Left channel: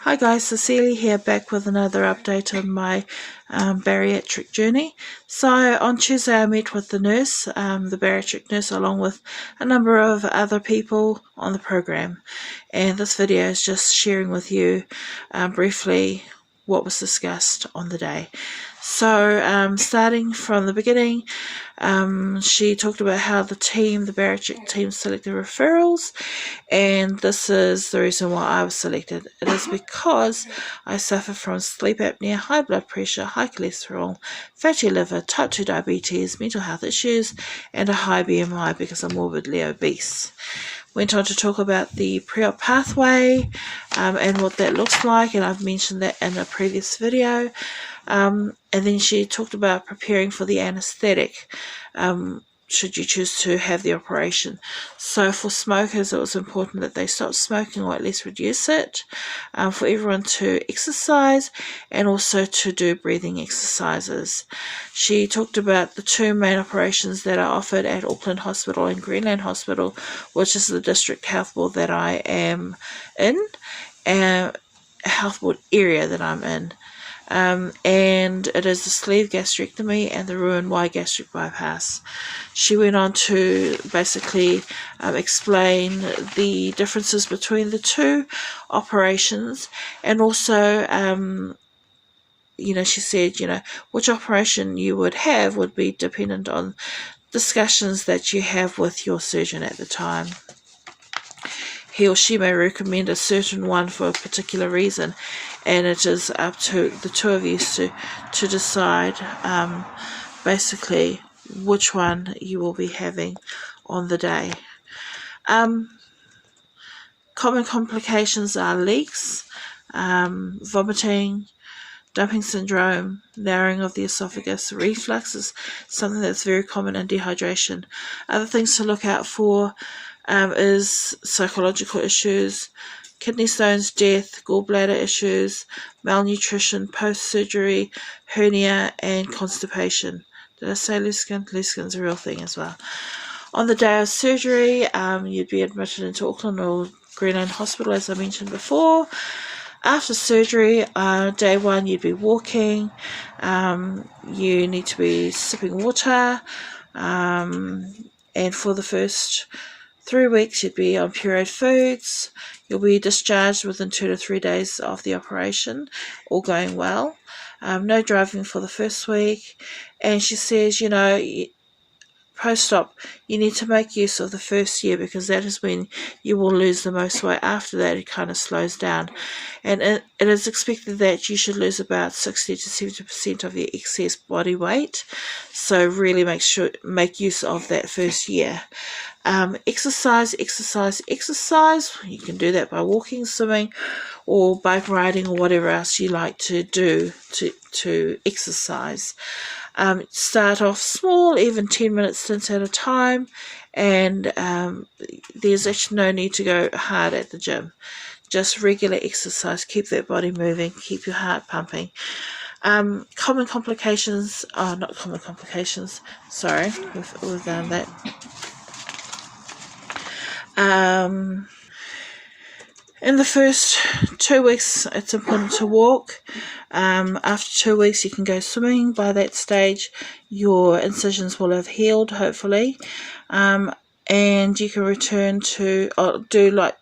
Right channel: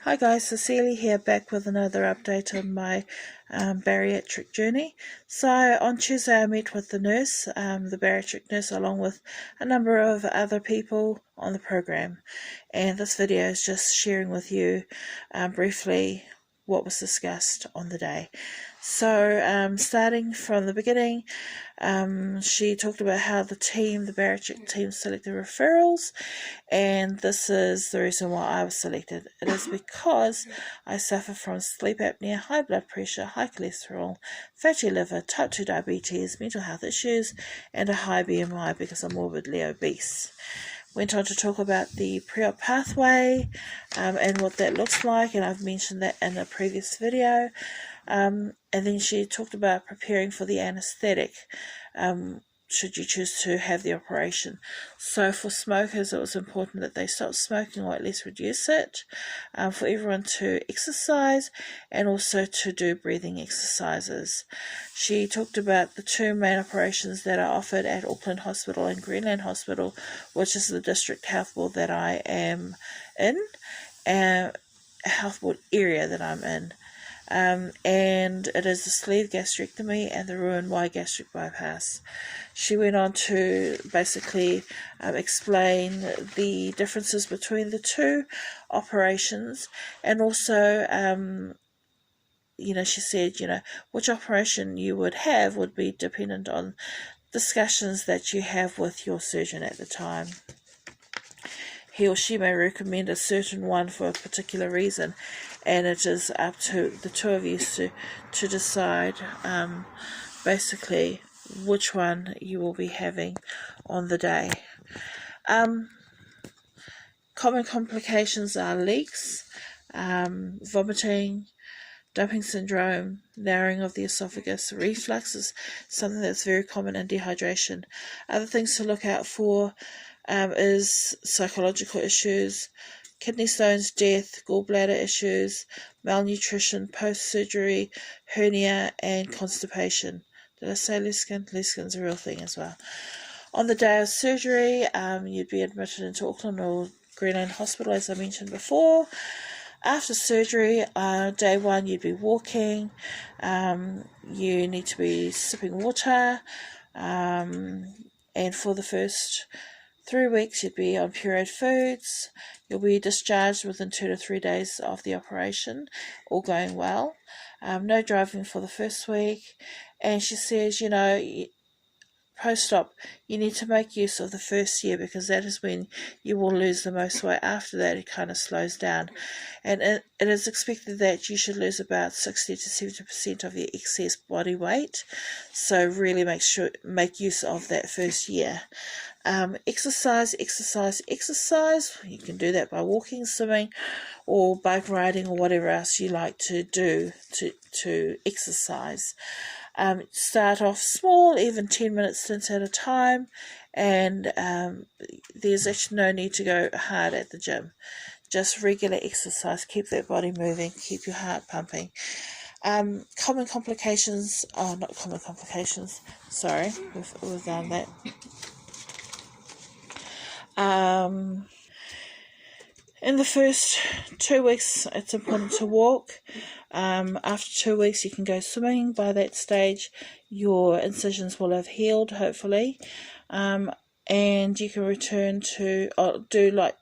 Hi guys, Cecilia here, back with another update on my bariatric journey. So on Tuesday I met with the nurse, the bariatric nurse, along with a number of other people on the program, and this video is just sharing with you briefly what was discussed on the day. So starting from the beginning, she talked about how the bariatric team selected referrals, and this is the reason why I was selected. It is because I suffer from sleep apnea, high blood pressure, high cholesterol, fatty liver, type 2 diabetes, mental health issues, and a high BMI because I'm morbidly obese. Went on to talk about the pre-op pathway and what that looks like, and I've mentioned that in a previous video. And then she talked about preparing for the anaesthetic should you choose to have the operation. So for smokers, it was important that they stop smoking or at least reduce it, for everyone to exercise and also to do breathing exercises. She talked about the two main operations that are offered at Auckland Hospital and Greenland Hospital, which is the district health board that I am in, and a health board area that I'm in. And it is the sleeve gastrectomy and the Roux-en-Y gastric bypass. She went on to basically explain the differences between the two operations, and also she said, which operation you would have would be dependent on discussions that you have with your surgeon at the time. He or she may recommend a certain one for a particular reason, and it is up to the two of you to decide basically which one you will be having on the day. Common complications are leaks, vomiting, dumping syndrome, narrowing of the esophagus. Reflux is something that's very common, and dehydration. Other things to look out for is psychological issues, kidney stones, death, gallbladder issues, malnutrition, post-surgery, hernia, and constipation. Did I say loose skin? Loose skin's a real thing as well. On the day of surgery, you'd be admitted into Auckland or Greenland Hospital, as I mentioned before. After surgery, day one, you'd be walking. You need to be sipping water. And for the first 3 weeks, you'd be on pureed foods. You'll be discharged within 2 to 3 days of the operation, all going well. No driving for the first week. And she says, post-op, you need to make use of the first year, because that is when you will lose the most weight. After that, it kind of slows down. And it is expected that you should lose about 60 to 70% of your excess body weight. So really make use of that first year. Exercise. You can do that by walking, swimming, or bike riding, or whatever else you like to do to exercise. Start off small, even 10-minute stints at a time, and there's actually no need to go hard at the gym. Just regular exercise, keep that body moving, keep your heart pumping. Common complications, not common complications, sorry, we've done that. In the first 2 weeks, it's important to walk. After 2 weeks, you can go swimming. By that stage, your incisions will have healed, hopefully. And you can return to do light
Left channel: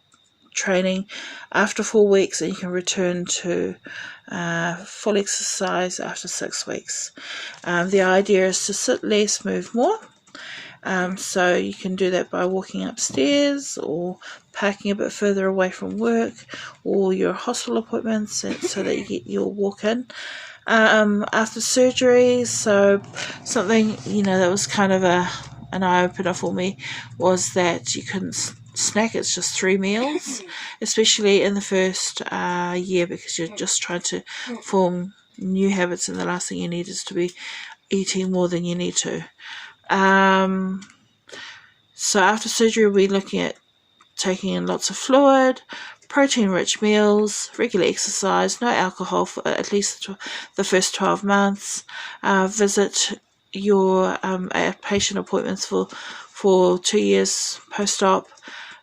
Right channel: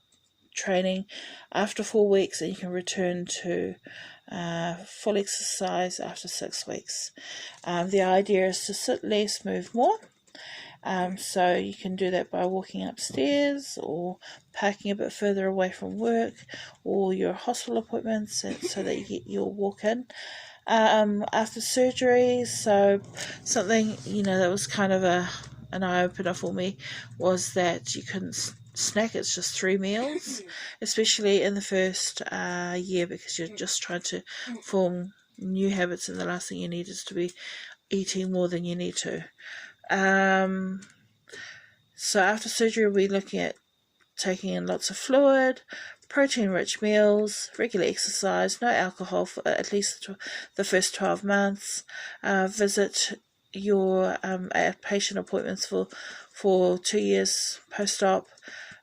training after 4 weeks, and you can return to full exercise after 6 weeks. The idea is to sit less, move more. So you can do that by walking upstairs, or parking a bit further away from work or your hospital appointments, so that you get your walk in. After surgery, so something that was kind of an eye-opener for me was that you couldn't snack. It's just 3 meals, especially in the first year, because you're just trying to form new habits, and the last thing you need is to be eating more than you need to. So after surgery, we'll be looking at taking in lots of fluid, protein-rich meals, regular exercise, no alcohol for at least the first 12 months. Visit your patient appointments for 2 years post-op.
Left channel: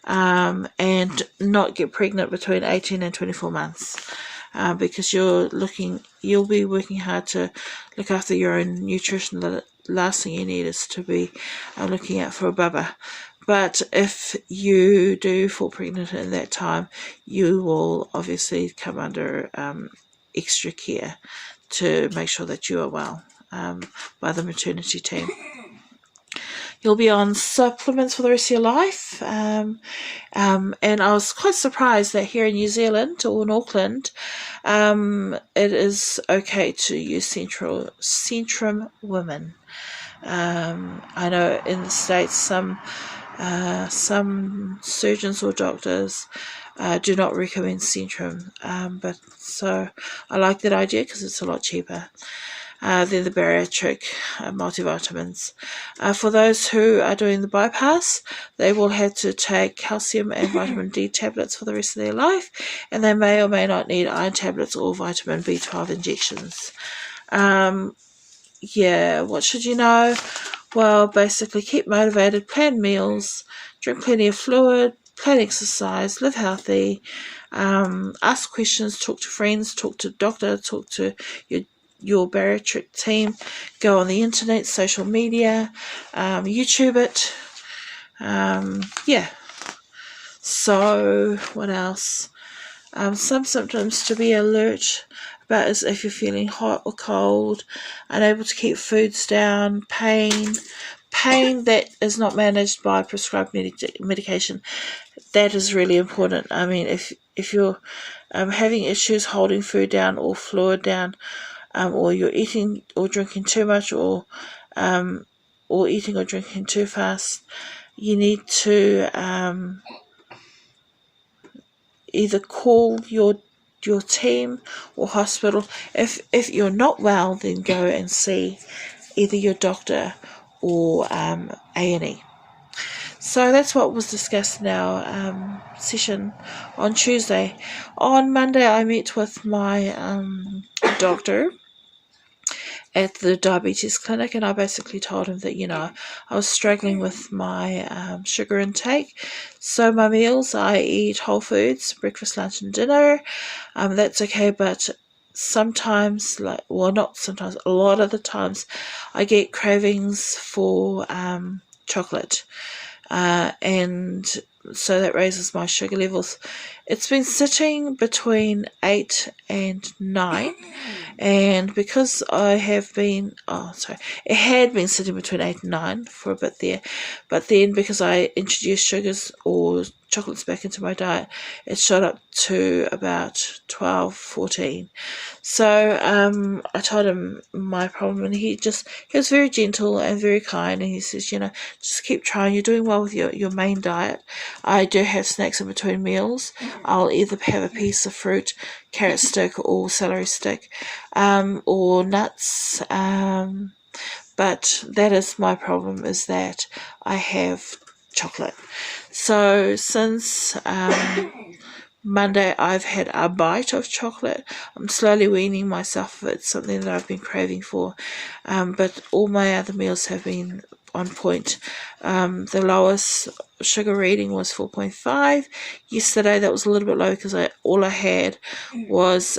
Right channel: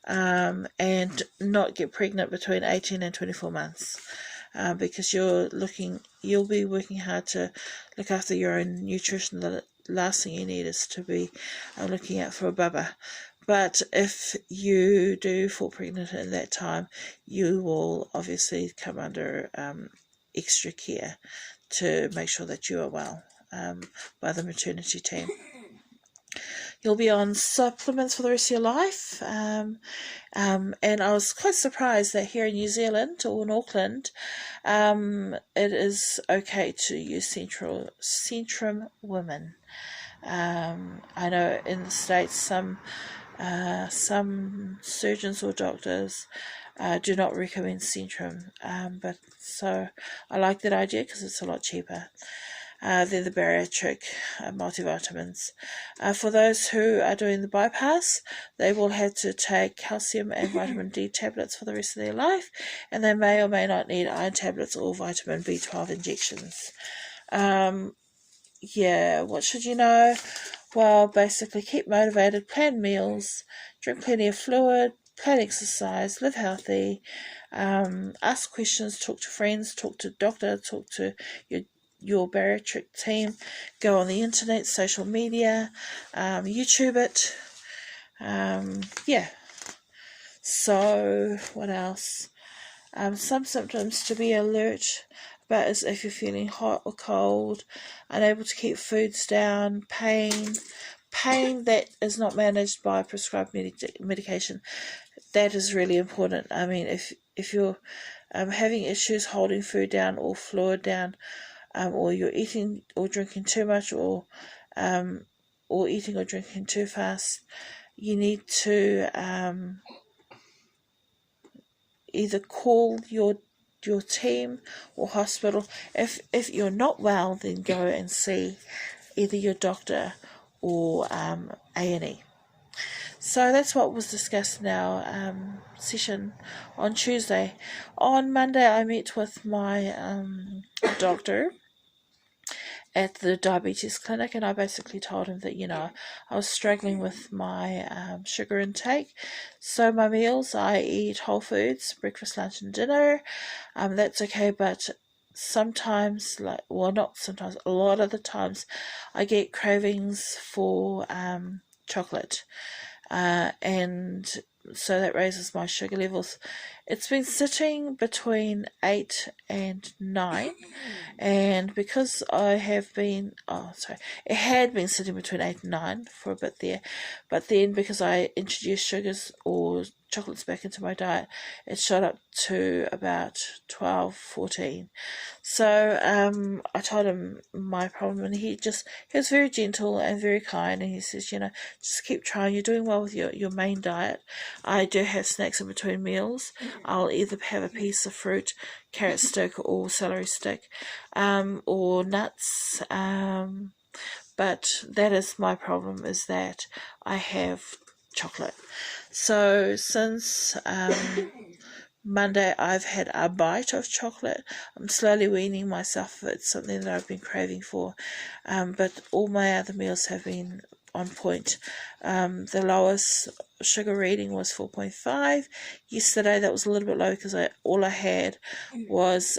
and not get pregnant between 18 and 24 months. Because you'll be working hard to look after your own nutrition. The last thing you need is to be looking out for a bubba. But if you do fall pregnant in that time, you will obviously come under extra care to make sure that you are well by the maternity team. You'll be on supplements for the rest of your life. And I was quite surprised that here in New Zealand or in Auckland, it is okay to use Centrum Women. I know in the States some surgeons or doctors do not recommend Centrum, but so I like that idea because it's a lot cheaper. They're the bariatric multivitamins. For those who are doing the bypass, they will have to take calcium and vitamin D tablets for the rest of their life, and they may or may not need iron tablets or vitamin B12 injections. What should you know? Well, basically keep motivated, plan meals, drink plenty of fluid, plan exercise, live healthy, ask questions, talk to friends, talk to doctor, talk to your bariatric team, go on the internet, social media, YouTube it. So what else? Some symptoms to be alert about is if you're feeling hot or cold, unable to keep foods down, pain that is not managed by prescribed medication. That is really important. I mean, if you're having issues holding food down or fluid down, or you're eating or drinking too much, or eating or drinking too fast, you need to either call your team or hospital. If you're not well, then go and see either your doctor or A&E. So that's what was discussed in our session on Tuesday. On Monday, I met with my doctor at the diabetes clinic, and I basically told him that, I was struggling with my sugar intake. So my meals, I eat whole foods, breakfast, lunch and dinner. That's okay, but sometimes, not sometimes, a lot of the times, I get cravings for chocolate. And so that raises my sugar levels. It's been sitting between 8 and 9, and because it had been sitting between 8 and 9 for a bit there, but then because I introduced sugars or chocolates back into my diet, it shot up to about 12, 14. So I told him my problem, and he was very gentle and very kind, and he says, just keep trying, you're doing well with your main diet. I do have snacks in between meals. I'll either have a piece of fruit, carrot stick or celery stick, or nuts, but that is my problem, is that I have chocolate. So since Monday, I've had a bite of chocolate. I'm slowly weaning myself. It's something that I've been craving for, but all my other meals have been on point. The lowest sugar reading was 4.5. Yesterday that was a little bit low because all I had was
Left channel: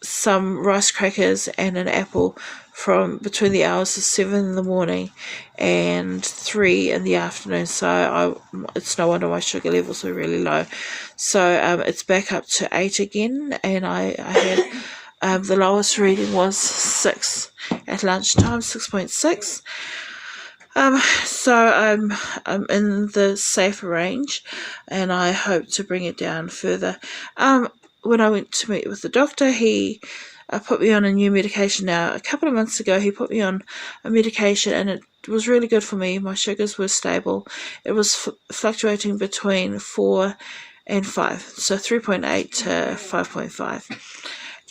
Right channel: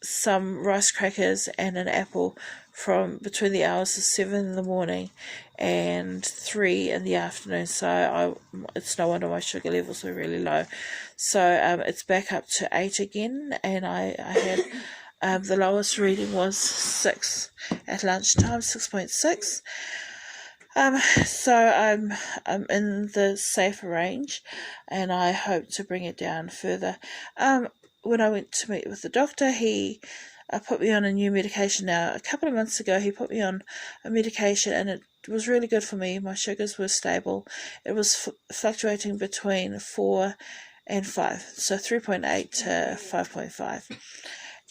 some rice crackers and an apple from between the hours of 7 in the morning and 3 in the afternoon. So it's no wonder my sugar levels are really low. So it's back up to 8 again, and I had the lowest reading was 6 at lunchtime, 6.6. So I'm in the safer range, and I hope to bring it down further. When I went to meet with the doctor, he put me on a new medication. Now, a couple of months ago, he put me on a medication, and it was really good for me. My sugars were stable. It was fluctuating between 4 and 5, so 3.8 to 5.5.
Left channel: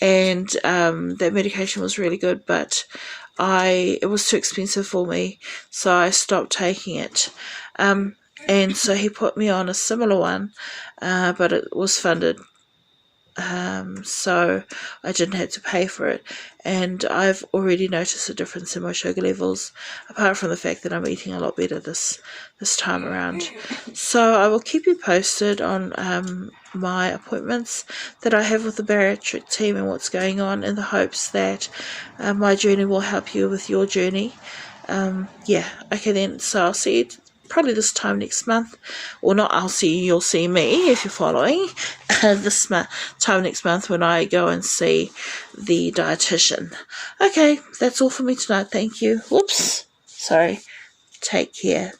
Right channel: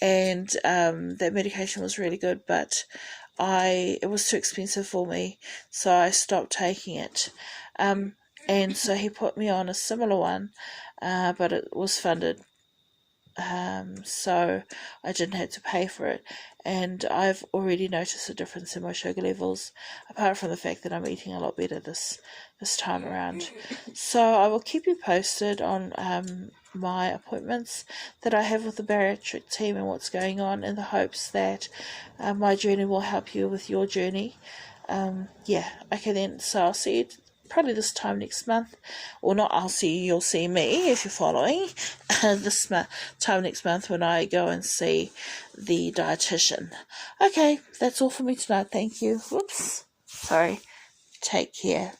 And that medication was really good, but it was too expensive for me, so I stopped taking it. And so he put me on a similar one, but it was funded so I didn't have to pay for it, and I've already noticed a difference in my sugar levels, apart from the fact that I'm eating a lot better this time around. So I will keep you posted on my appointments that I have with the bariatric team and what's going on, in the hopes that my journey will help you with your journey. Yeah, okay then, so I'll see you probably this time next month, or not, you'll see me if you're following, this time next month when I go and see the dietitian. Okay, that's all for me tonight, thank you. Whoops, sorry, take care.